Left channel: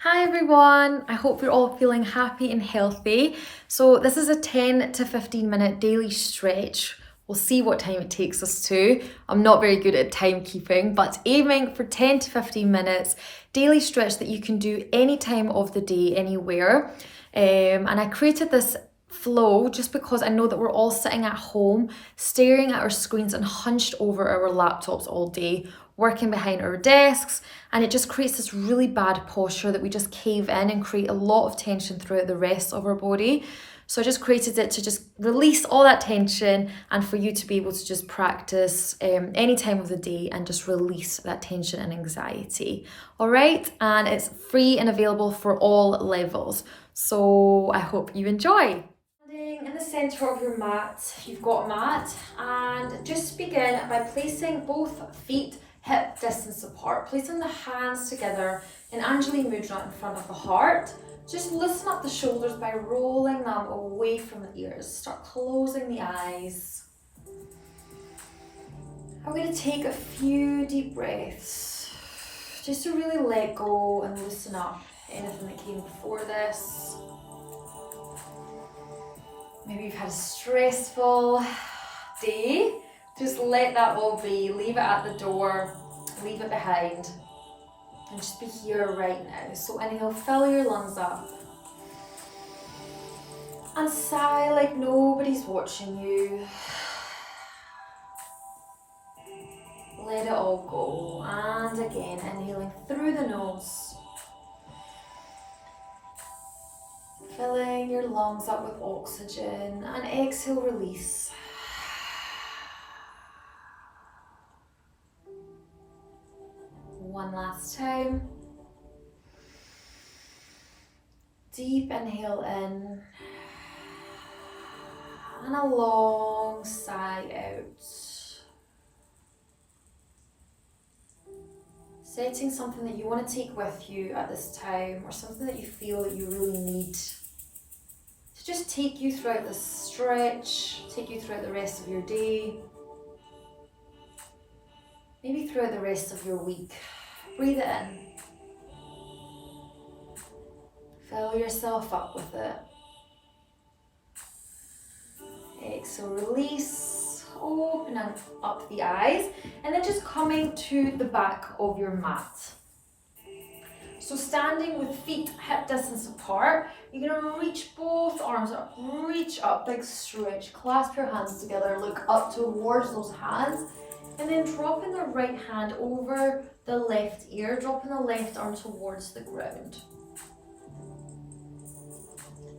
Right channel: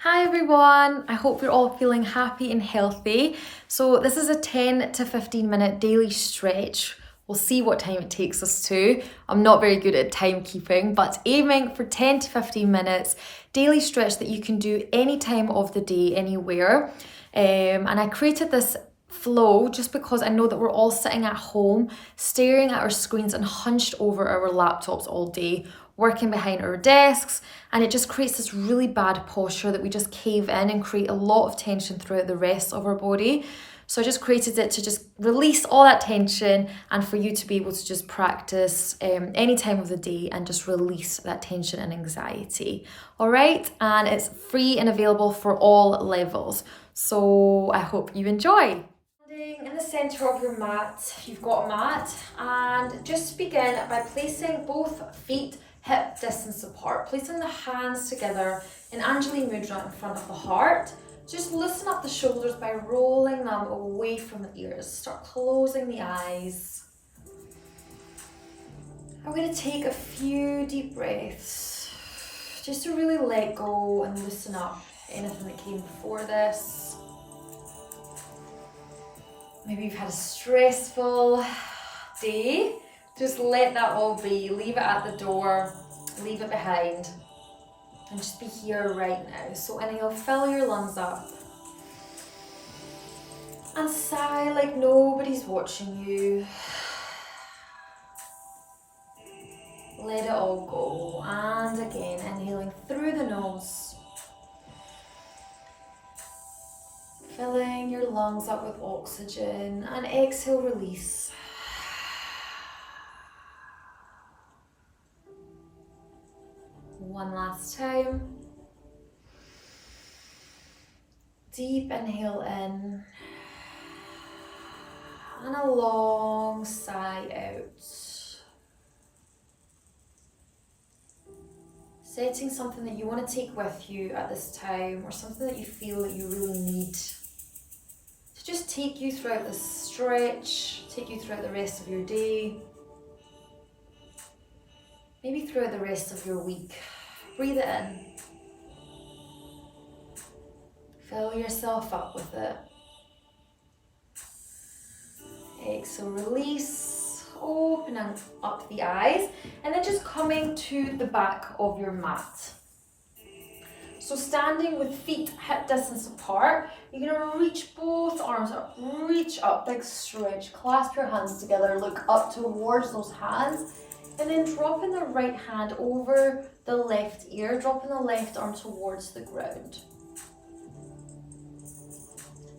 Hi everyone, I hope you're all feeling happy and healthy. So this is a 10 to 15 minute daily stretch. We'll see what time it takes us to. I'm not very good at timekeeping, but aiming for 10 to 15 minutes daily stretch that you can do any time of the day, anywhere. And I created this flow just because I know that we're all sitting at home, staring at our screens and hunched over our laptops all day, working behind our desks, and it just creates this really bad posture that we just cave in and create a lot of tension throughout the rest of our body. So I just created it to just release all that tension and for you to be able to just practice any time of the day and just release that tension and anxiety. All right, and it's free and available for all levels. So I hope you enjoy. Standing in the centre of your mat, if you've got a mat, and just begin by placing both feet hip distance apart, placing the hands together in Anjali Mudra in front of the heart. Just loosen up the shoulders by rolling them away from the ears. Start closing the eyes. I'm going to take a few deep breaths just to really let go and loosen up anything that came before this. Maybe you've had a stressful day. Just let that all be. Leave it at the door. Leave it behind. And just be here right now. So inhale, fill your lungs up. And sigh like nobody's watching you. Let it all go. And again, inhaling through the nose. Filling your lungs up with oxygen. And exhale, release. One last time. Deep inhale in. And a long sigh out. Setting something that you want to take with you at this time, or something that you feel that you really need to just take you throughout this stretch, take you throughout the rest of your day, maybe throughout the rest of your week. Breathe it in. Fill yourself up with it. Exhale, release, opening up the eyes, and then just coming to the back of your mat. So standing with feet hip distance apart, you're going to reach both arms up, reach up, big stretch, clasp your hands together, look up towards those hands, and then dropping the right hand over the left ear, dropping the left arm towards the ground.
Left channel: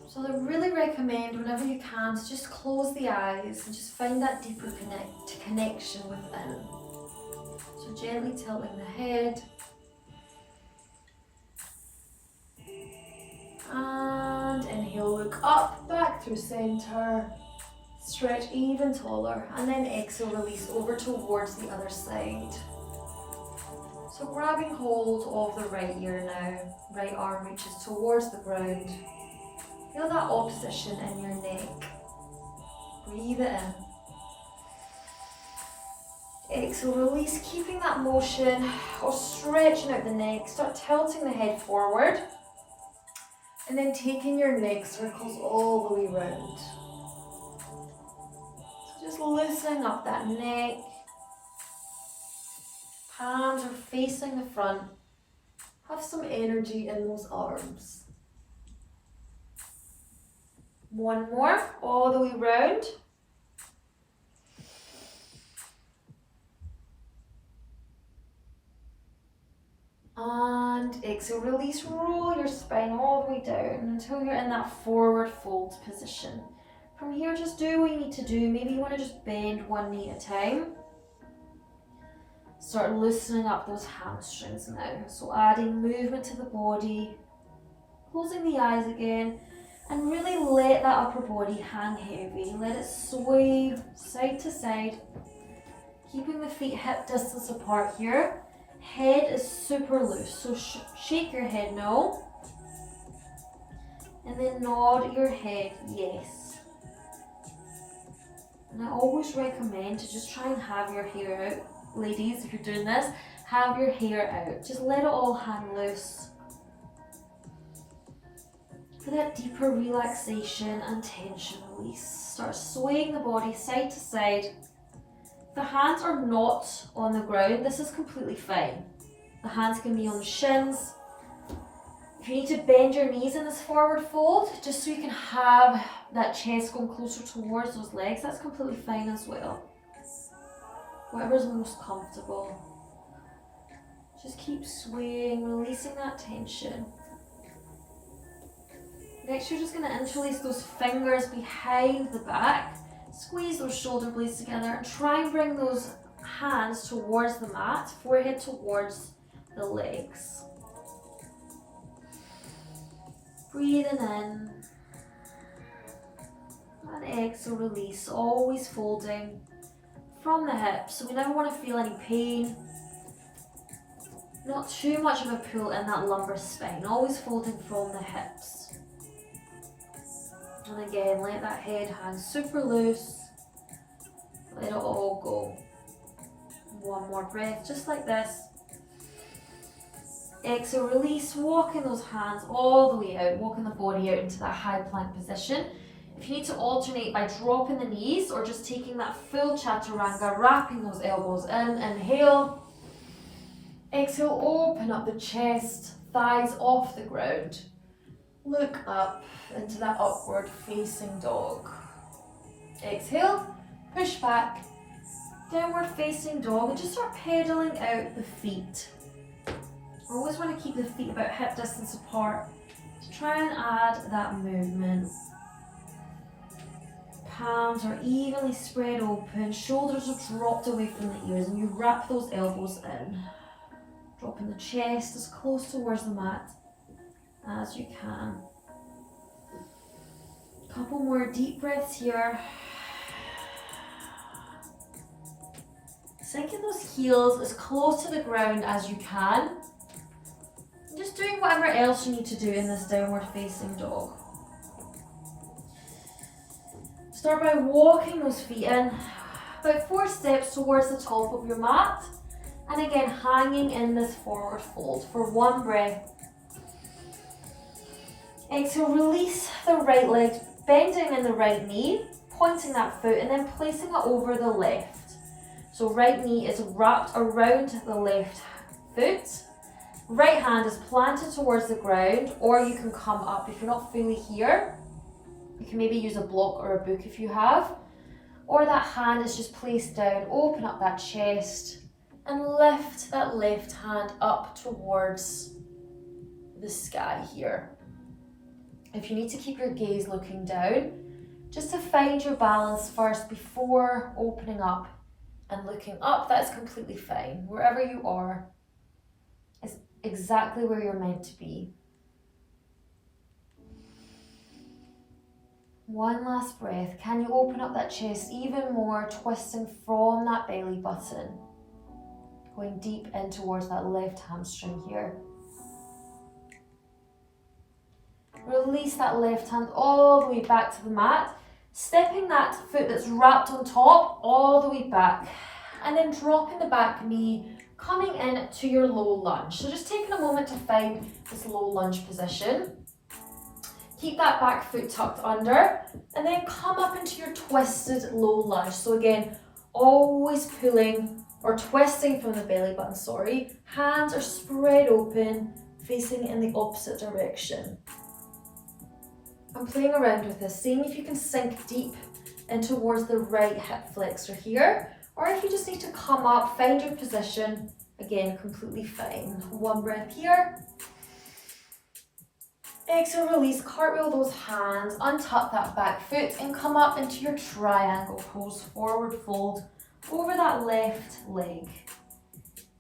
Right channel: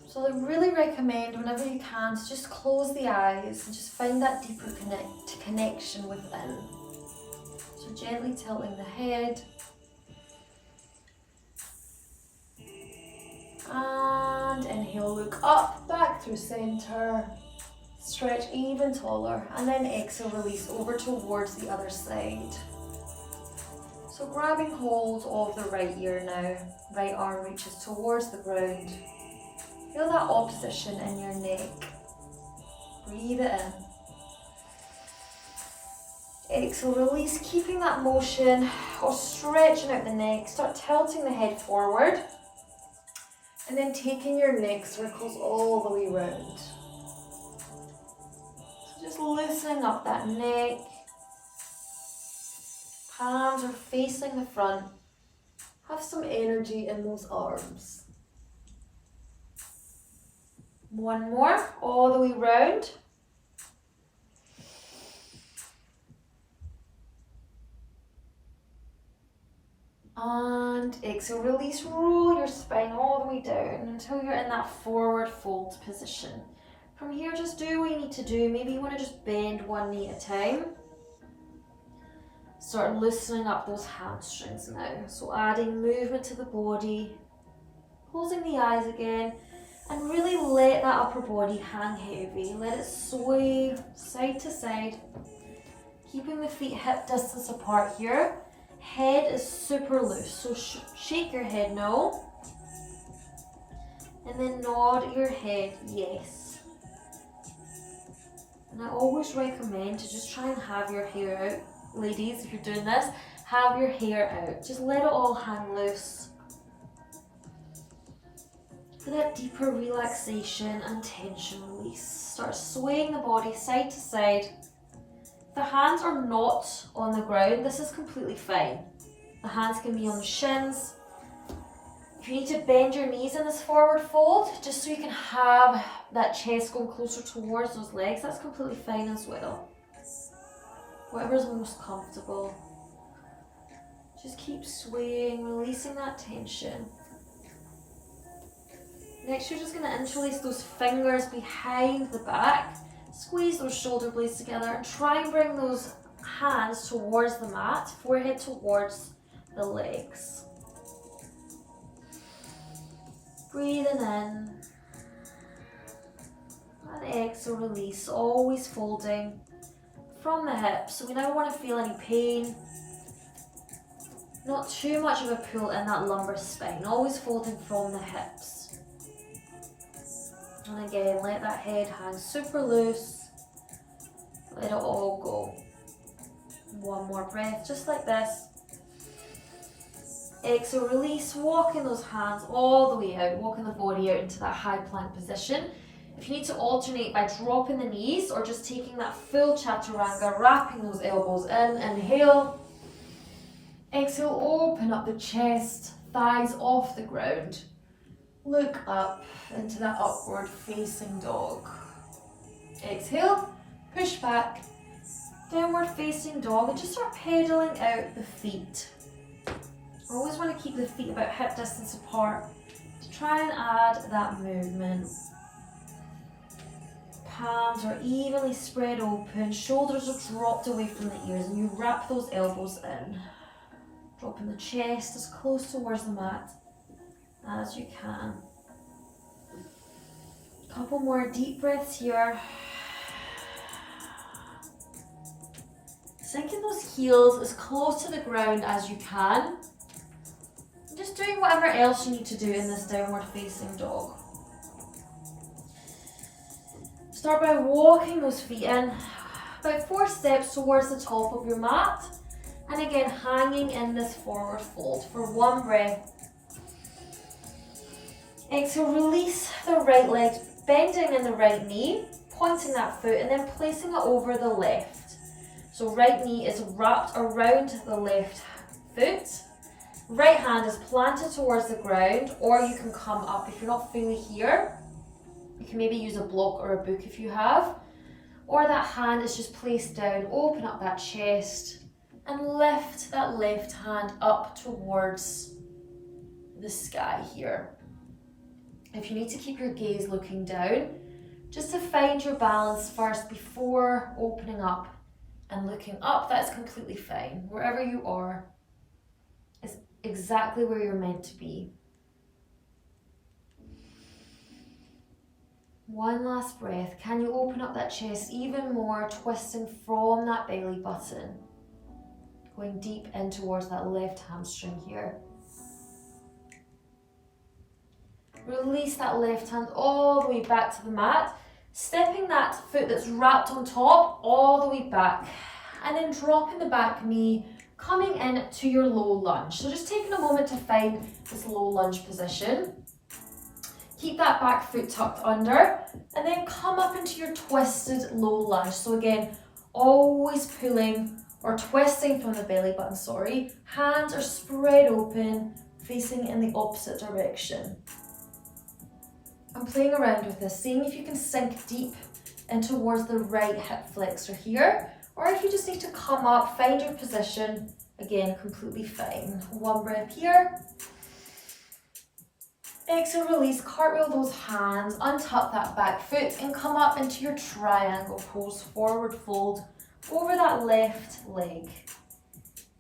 So I really recommend whenever you can to just close the eyes and just find that deeper connection within. So gently tilting the head. And inhale, look up, back through center. Stretch even taller. And then exhale, release over towards the other side. So grabbing hold of the right ear now. Right arm reaches towards the ground. Feel that opposition in your neck. Breathe it in. Exhale, release, keeping that motion or stretching out the neck. Start tilting the head forward. And then taking your neck circles all the way round. So just loosening up that neck. Palms are facing the front. Have some energy in those arms. One more, all the way round. And exhale, release, roll your spine all the way down until you're in that forward fold position. From here, just do what you need to do. Maybe you want to just bend one knee at a time. Start loosening up those hamstrings now. So adding movement to the body, closing the eyes again, and really let that upper body hang heavy. Let it sway side to side, keeping the feet hip distance apart here. Head is super loose, so shake your head no. And then nod your head yes. And I always recommend to just try and have your hair out. Ladies, if you're doing this, have your hair out. Just let it all hang loose. for that deeper relaxation and tension release. Start swaying the body side to side. If the hands are not on the ground, this is completely fine. The hands can be on the shins. If you need to bend your knees in this forward fold, just so you can have that chest going closer towards those legs, that's completely fine as well. Whatever's most comfortable. Just keep swaying, releasing that tension. Next, you're just going to interlace those fingers behind the back. Squeeze those shoulder blades together and try and bring those hands towards the mat, forehead towards the legs. Breathing in and exhale, release, always folding from the hips. So we never want to feel any pain. Not too much of a pull in that lumbar spine, always folding from the hips. And again, let that head hang super loose. Let it all go. One more breath, just like this. Exhale, release, walking those hands all the way out, walking the body out into that high plank position. If you need to alternate by dropping the knees or just taking that full chaturanga, wrapping those elbows in, inhale. Exhale, open up the chest, thighs off the ground. Look up into that upward facing dog. Exhale, push back, downward facing dog, and just start pedaling out the feet. Always want to keep the feet about hip distance apart to try and add that movement. Palms are evenly spread open, shoulders are dropped away from the ears, and you wrap those elbows in. Dropping the chest as close towards the mat as you can. Couple more deep breaths here. Sinking those heels as close to the ground as you can. Just doing whatever else you need to do in this downward facing dog. Start by walking those feet in about 4 steps towards the top of your mat. And again, hanging in this forward fold for 1 breath. Exhale, release the right leg, bending in the right knee, pointing that foot and then placing it over the left. So right knee is wrapped around the left foot. Right hand is planted towards the ground, or you can come up. If you're not fully here, you can maybe use a block or a book if you have. Or that hand is just placed down, open up that chest and lift that left hand up towards the sky here. If you need to keep your gaze looking down, just to find your balance first before opening up and looking up, that's completely fine. Wherever you are is exactly where you're meant to be. One last breath. Can you open up that chest even more, twisting from that belly button? Going deep in towards that left hamstring here. Release that left hand all the way back to the mat, stepping that foot that's wrapped on top all the way back, and then dropping the back knee, coming in to your low lunge. So just taking a moment to find this low lunge position. Keep that back foot tucked under, and then come up into your twisted low lunge. So again, always pulling or twisting from the belly button, Hands are spread open, facing in the opposite direction. I'm playing around with this, seeing if you can sink deep in towards the right hip flexor here, or if you just need to come up, find your position, again, completely fine. 1 breath here. Exhale, release, cartwheel those hands, untuck that back foot and come up into your triangle pose, forward fold over that left leg.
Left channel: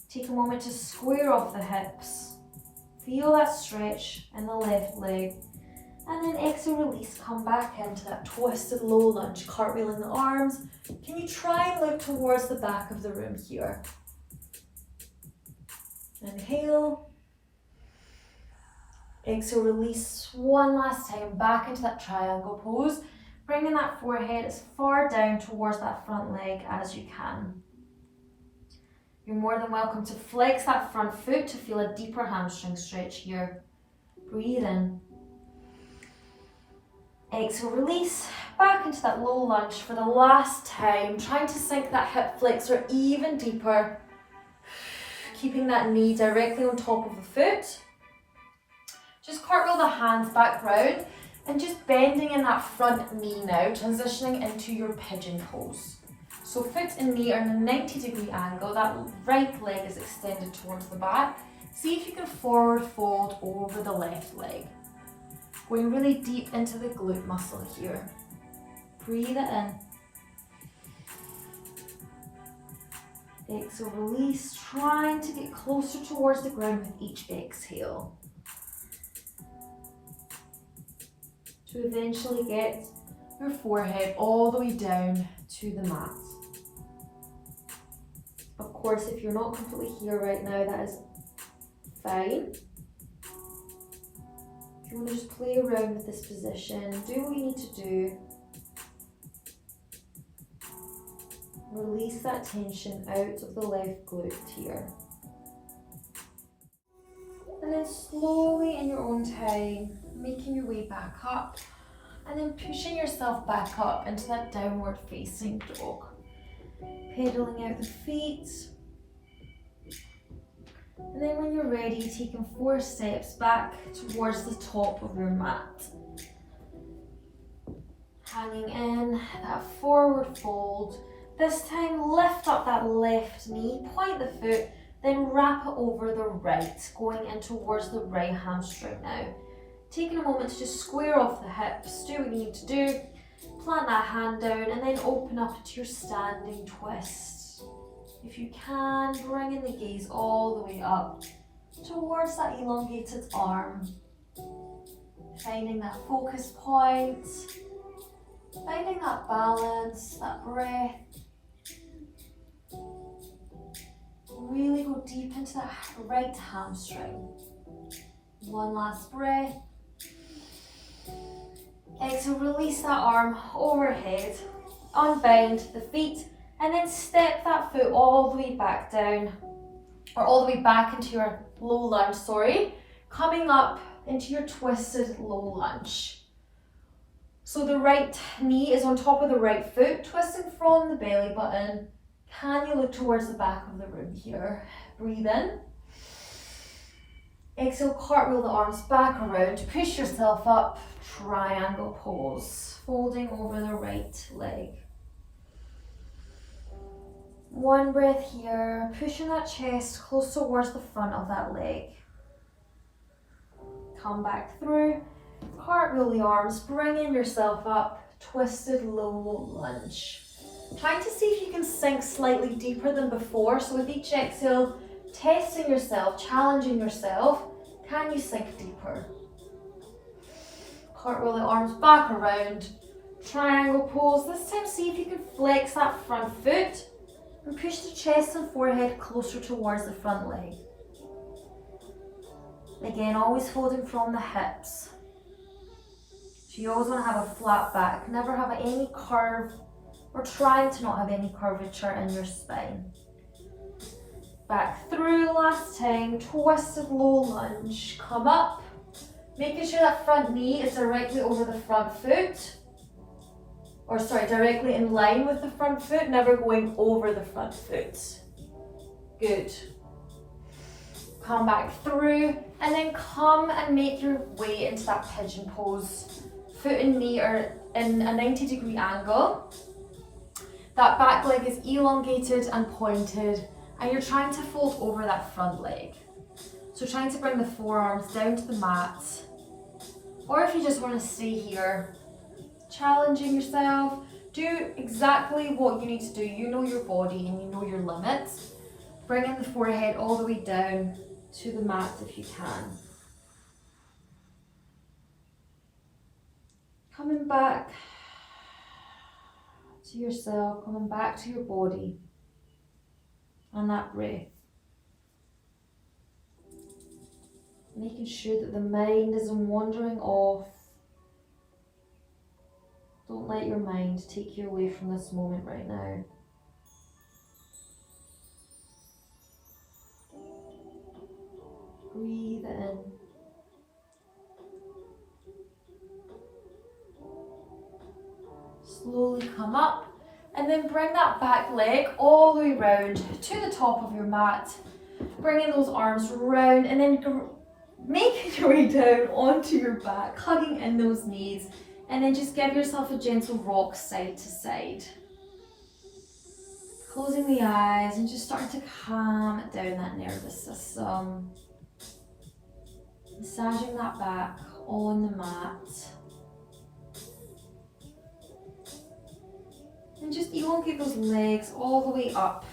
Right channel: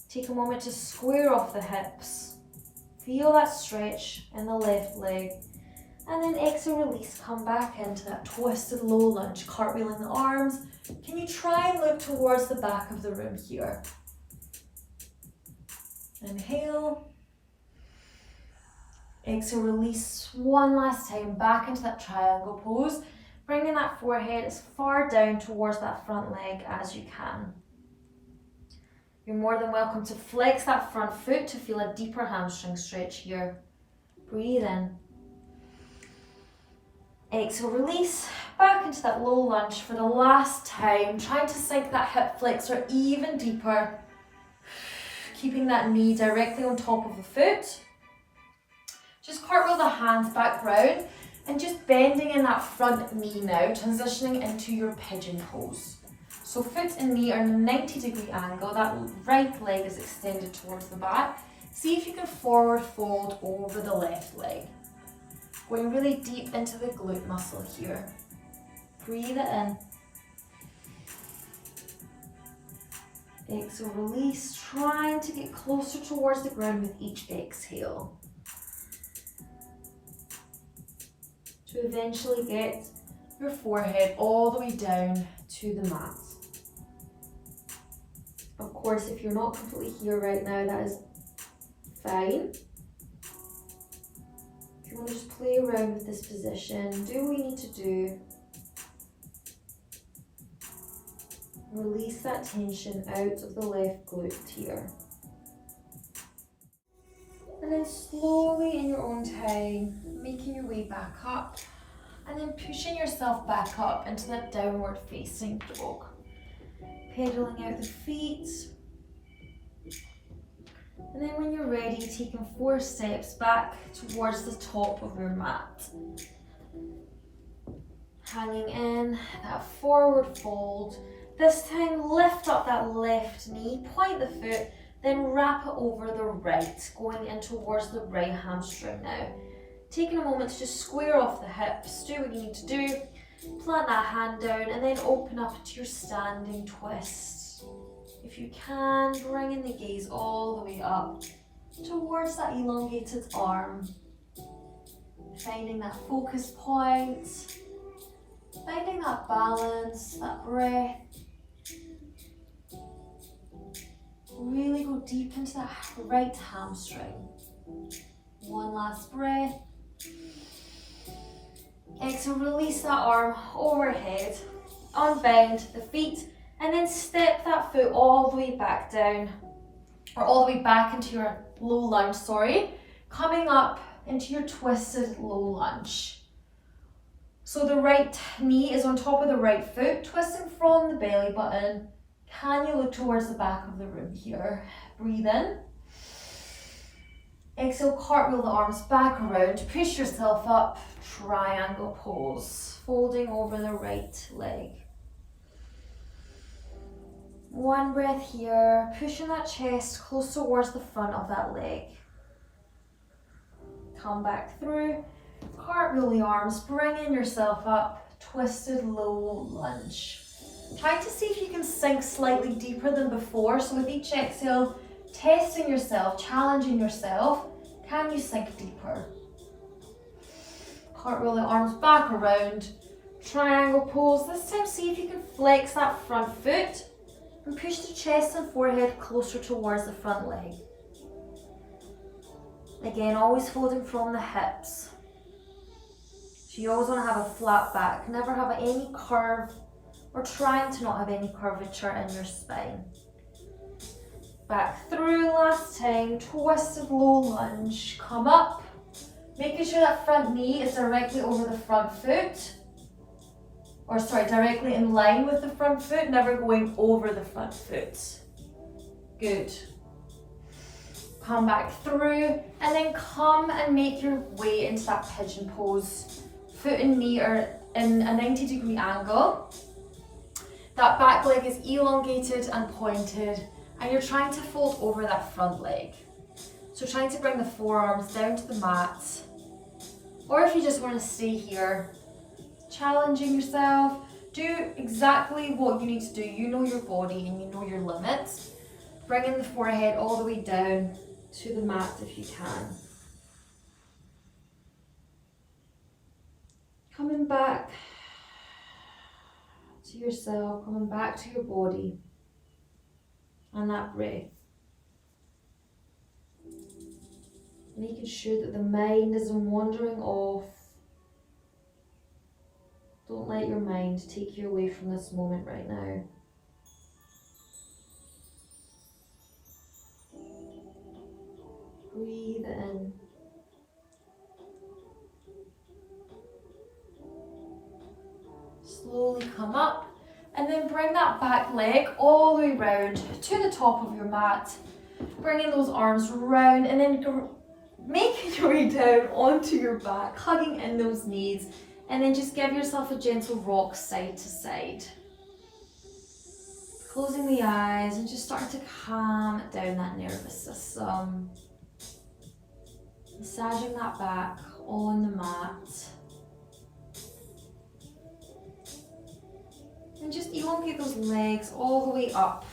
Take a moment to square off the hips. Feel that stretch in the left leg. And then exhale, release, come back into that twisted low lunge, cartwheeling the arms. Can you try and look towards the back of the room here? Inhale. Exhale, release 1 last time, back into that triangle pose, bringing that forehead as far down towards that front leg as you can. You're more than welcome to flex that front foot to feel a deeper hamstring stretch here. Breathe in. Exhale, release back into that low lunge for the last time, trying to sink that hip flexor even deeper, keeping that knee directly on top of the foot. Just cartwheel the hands back round and just bending in that front knee now, transitioning into your pigeon pose. So foot and knee are in a 90-degree angle, that right leg is extended towards the back. See if you can forward fold over the left leg. Going really deep into the glute muscle here. Breathe it in. Exhale, release, trying to get closer towards the ground with each exhale. To eventually get your forehead all the way down to the mat. Of course, if you're not completely here right now, that is fine. If you want to just play around with this position, do what you need to do. Release that tension out of the left glute here. And then slowly in your own time, making your way back up and then pushing yourself back up into that downward facing dog. Pedaling out the feet. And then when you're ready, taking 4 steps back towards the top of your mat. Hanging in that forward fold. This time lift up that left knee, point the foot, then wrap it over the right, going in towards the right hamstring now. Taking a moment to just square off the hips, do what you need to do, plant that hand down and then open up into your standing twist. If you can, bring in the gaze all the way up towards that elongated arm. Finding that focus point, finding that balance, that breath. Really go deep into that right hamstring. One last breath. Exhale, release that arm overhead. Unbend the feet and then step that foot all the way back down, or all the way back into your low lunge, coming up into your twisted low lunge. So the right knee is on top of the right foot, twisting from the belly button. Can you look towards the back of the room here? Breathe in. Exhale, cartwheel the arms back around, push yourself up, triangle pose, folding over the right leg. One breath here, pushing that chest close towards the front of that leg. Come back through, cartwheel the arms, bringing yourself up, twisted low lunge. Trying to see if you can sink slightly deeper than before. So with each exhale, testing yourself, challenging yourself. Can you sink deeper? Cartwheel the arms back around, triangle pose. This time see if you can flex that front foot and push the chest and forehead closer towards the front leg. Again, always folding from the hips. So you always want to have a flat back, never have any curve, or trying to not have any curvature in your spine. Back through last time, twisted low lunge, come up, making sure that front knee is directly over the front foot, directly in line with the front foot, never going over the front foot. Good. Come back through and then come and make your way into that pigeon pose. Foot and knee are in a 90-degree angle. That back leg is elongated and pointed, and you're trying to fold over that front leg. So trying to bring the forearms down to the mat, or if you just want to stay here, challenging yourself, do exactly what you need to do. You know your body and you know your limits. Bringing the forehead all the way down to the mat if you can. Coming back to yourself, coming back to your body and that breath. Making sure that the mind isn't wandering off. Don't let your mind take you away from this moment right now. Breathe in. Slowly come up and then bring that back leg all the way round to the top of your mat. Bringing those arms round and then making your way down onto your back, hugging in those knees, and then just give yourself a gentle rock side to side. Closing the eyes and just starting to calm down that nervous system. Massaging that back on the mat. And just elongate those legs all the way up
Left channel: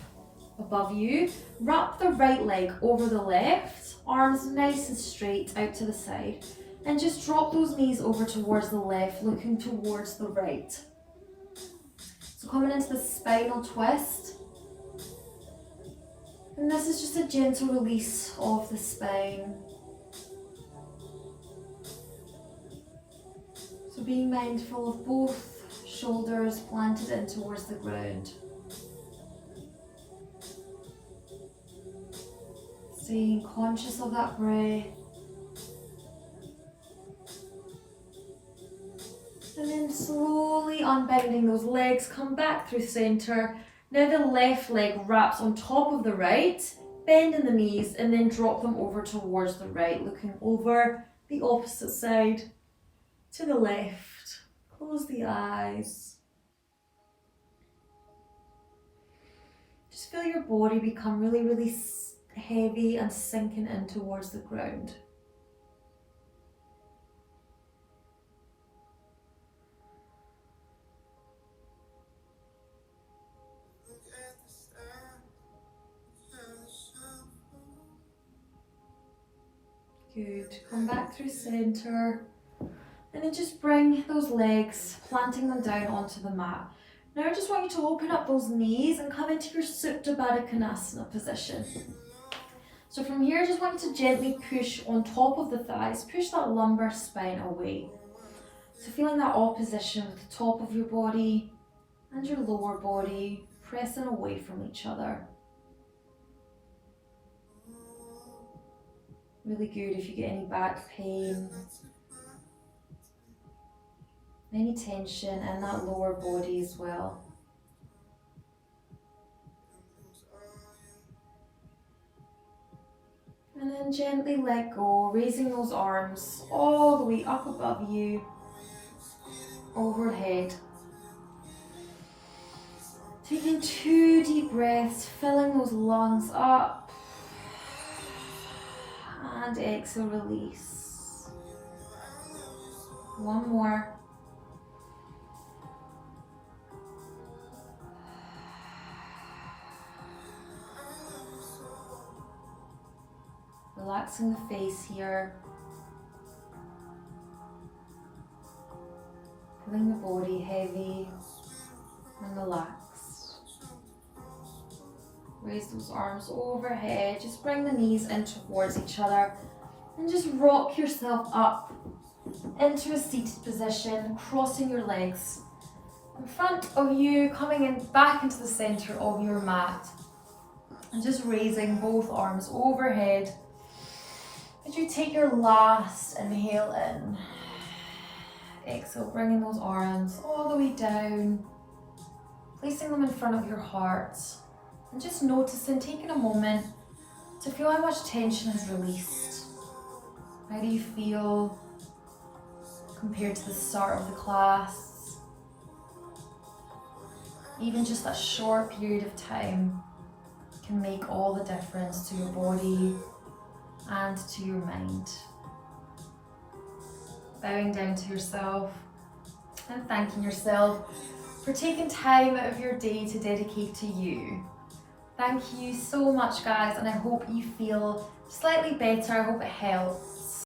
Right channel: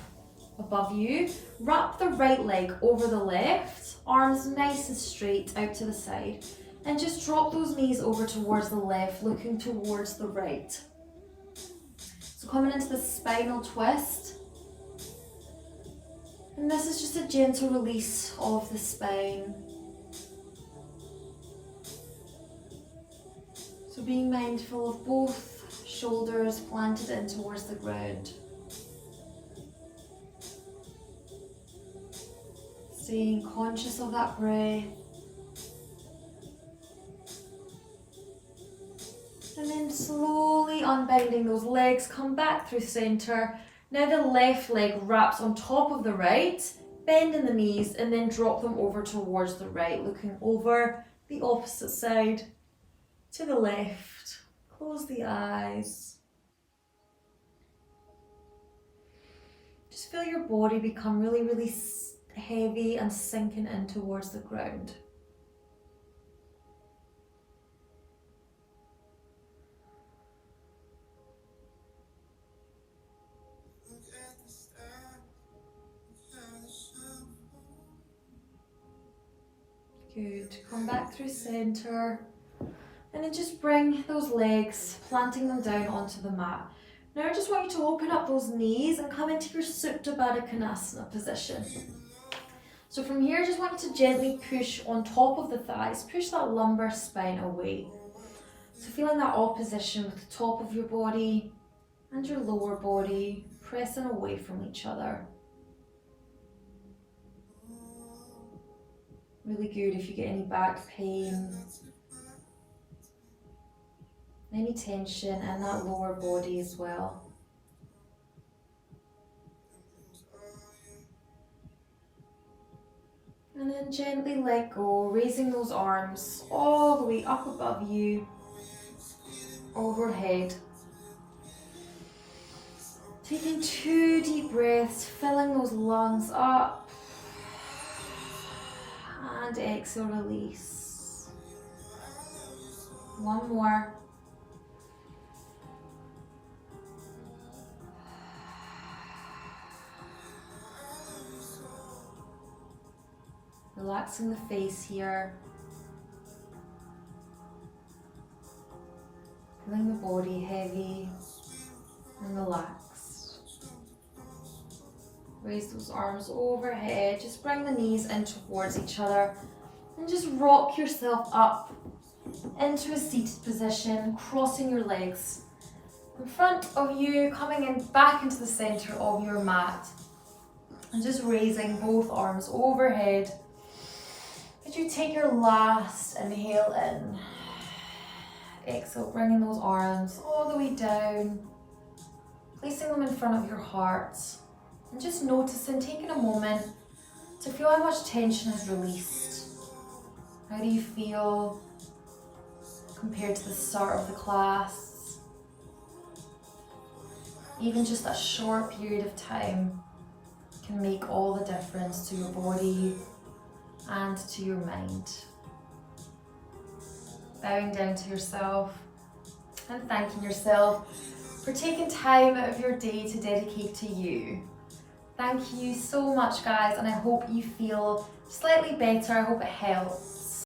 above you. Wrap the right leg over the left, arms nice and straight out to the side. And just drop those knees over towards the left, looking towards the right. So coming into the spinal twist. And this is just a gentle release of the spine. So being mindful of both shoulders planted in towards the ground. Staying conscious of that breath. And then slowly unbinding those legs, come back through center. Now the left leg wraps on top of the right, bend in the knees and then drop them over towards the right, looking over the opposite side to the left. Close the eyes. Just feel your body become really, really heavy and sinking in towards the ground. Good. Come back through center. And then just bring those legs, planting them down onto the mat. Now I just want you to open up those knees and come into your Supta Baddha Konasana position. So from here, I just want you to gently push on top of the thighs, push that lumbar spine away. So feeling that opposition with the top of your body and your lower body pressing away from each other. Really good if you get any back pain, any tension in that lower body as well. And then gently let go, raising those arms all the way up above you, overhead. Taking 2 deep breaths, filling those lungs up. And exhale, release. One more. Relaxing the face here. Feeling the body heavy and relaxed. Raise those arms overhead. Just bring the knees in towards each other and just rock yourself up into a seated position, crossing your legs in front of you, coming in back into the center of your mat and just raising both arms overhead. As you take your last inhale in, exhale, bringing those arms all the way down, placing them in front of your heart, and just noticing, taking a moment to feel how much tension is released. How do you feel compared to the start of the class? Even just that short period of time can make all the difference to your body and to your mind. Bowing down to yourself and thanking yourself for taking time out of your day to dedicate to you. Thank you so much, guys, and I hope you feel slightly better. I hope it helps.